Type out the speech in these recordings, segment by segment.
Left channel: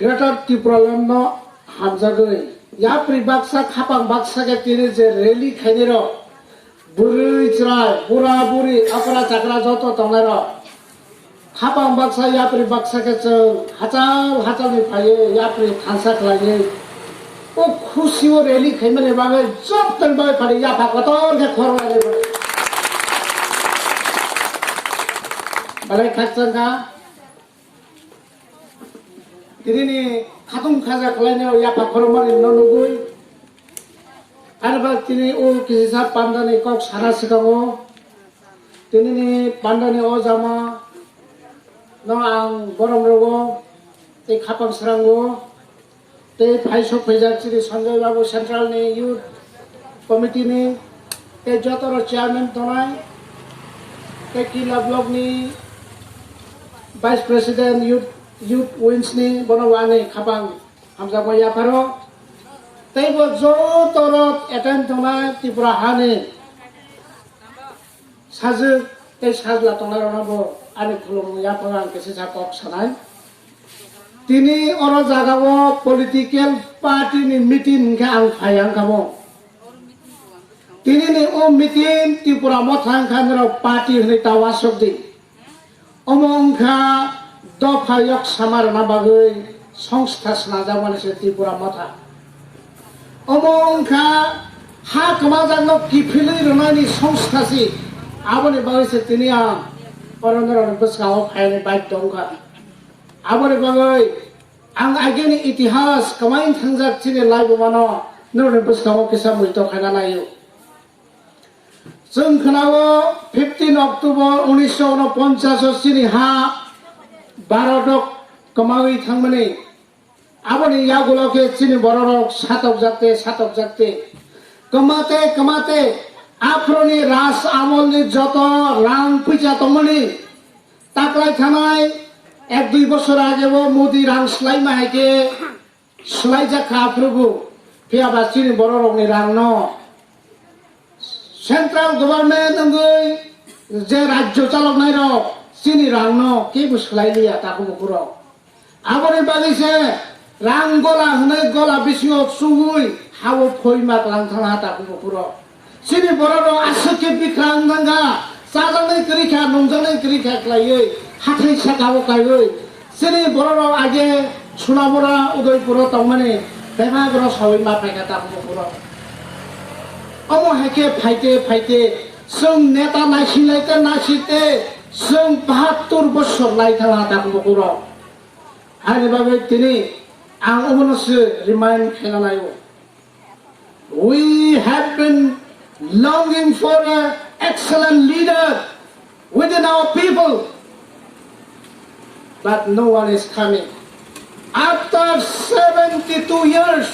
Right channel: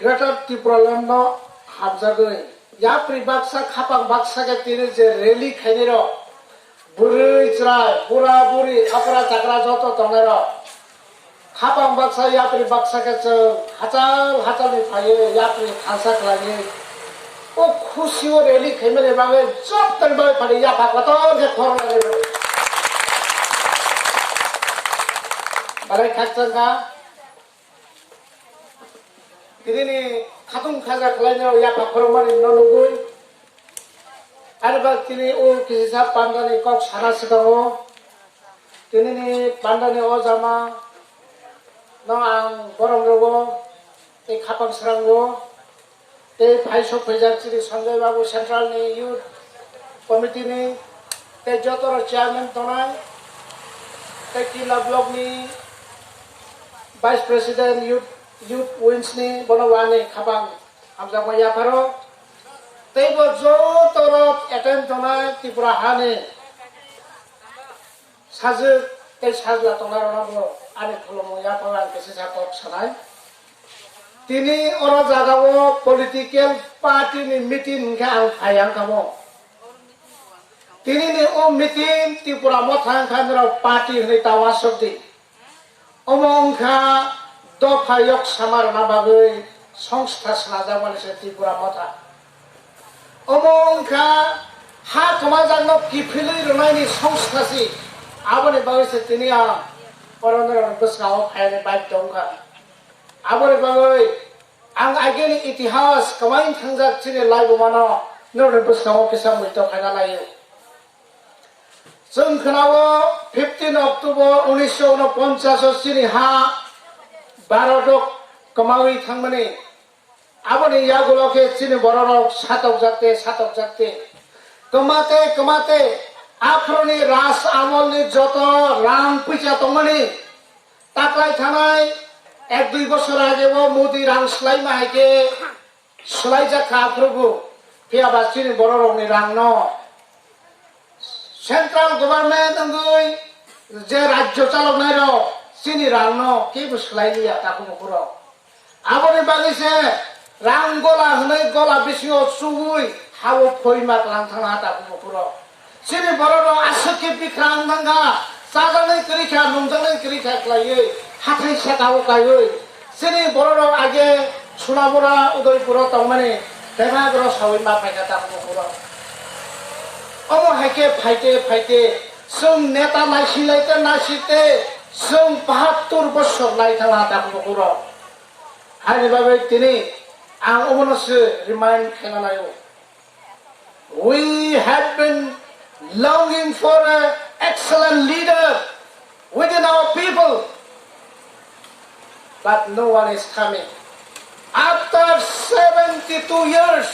Greater Tripuraland no hamjagoi ya pri baksa khapang baksa ke tine je rally khainiro buri chra pura buri apra chakra joto tonero khapang baksa ya pri baksa ke hatal ni phaye ya pri khansa khlage o khushi o rally khaimene bange job tanbai phari ya phakator ke khor lage balai khachanga Tirini khatung khaja khalanya ya pakhormani nonugui arba tini o kisisa pandani kok sara sidago tinini pandani o jama no ang gorom rogo e khapang srango te phaisok phejar chiri Sanjay Babu Central ni Youth Committee ni te jotoro chairman tonai te kila block ni Vice President Youth Wings ni bonawani khapang hamjama ya pharo teibo jotorot attempt dona Tripura hane saje te sajla tonar nabo ani khulmo ya pharo kesi sakok sanai tini oro jagao political party ni meeting ga ang phayang kamo tini ni o meeting Tripura mothang khamro party ni tawasok di omongkha dofayok samarana bagoi সংস্থা সাজাবানি সে ত্রিপুরা মথা অমংখা হা কমাজানো কিফিলি রনানি সংস্থাসি আবনে বাগৈছে তিনি অরন্দর বসগাও ফাইনে bike দংখা আবনে বাগৈ আং আগেনি ইতিহাস কমাইন থাংজাক চিনে লাইবমানো নরন বসগাও কিসা মুইতো খানা লাयो जों खोनावो 15 October 1949 चिनि हा भारतक कमावी थांमने आबने यागुलके चिनि बरनाव सातक जाते कमाते आफ्रोनि राज आमलनि जत राम पैसा तमने ताकलाय थानाय 1-2 बছর আগেও मोदी रां स्लाय माहायके स्लाय जाखा प्रभु फियाबा चिनि बरनावनि रां न सेंट्रल गवर्नमेंट अंगै जे राज्य चालकनाय र চিনি রান্ন কি বুসলাইলিয়া তাকু পুরো আবরে বাগিছে রাং গলা হনে গলা বিসিও সুহুই হাও ফইমা লাং থানা তাকু পুরো চিনি বড় আসকে বিখ্রাং গাঙ্গা সাজাनै করিখা নংজनै করিখা ক্লাইयै হাথै সেকাও কাইयै চিনি বড় আগে সুনাবরা উদয়পুর তমানে বেগাগ্র সইমা ফাইকা তাকু পুরো অমো হাকে ফাইতে जों नेता नायसिते जों 72 বছর লাইথালা दाखु पुरो आनि बागै तिनि आं अमनसो remind खालामनायो we have been longing for an excellent leader within our people but no one is coming after 72 years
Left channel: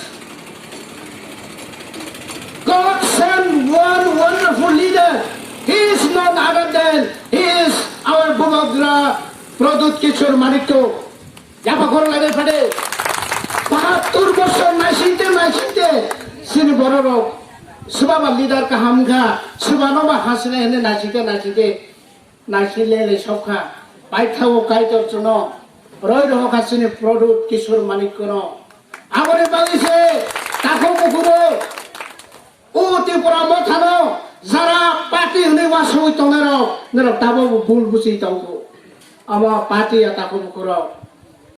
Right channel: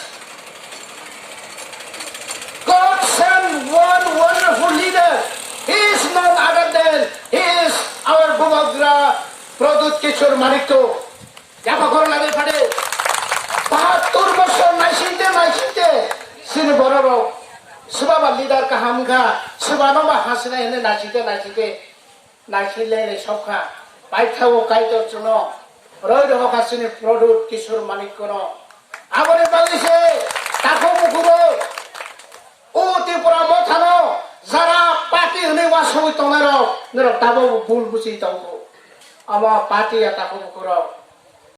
God sent one wonderful leader. He is none other than he is our Bubagra Pradut Kishore Manikto. Japa koro lage pade. 72 বছর নাইসিতে সিনে বড় সুবাবা leader কা হামখা সুবানো বা হাসনে হেনে নাইসিলে সবখা পাইথাও কাইতর জন্য রয় রহকা সিনে প্রদুত কিশোর মানিক্য আগরে বালিছে তাকো মুকুরো ও ত্রিপুরা মথানো যারা পার্টি হনে ওয়াসই তংরা নর তাবো ভুল বুঝি তাও আমা পার্টি আতা কোন করো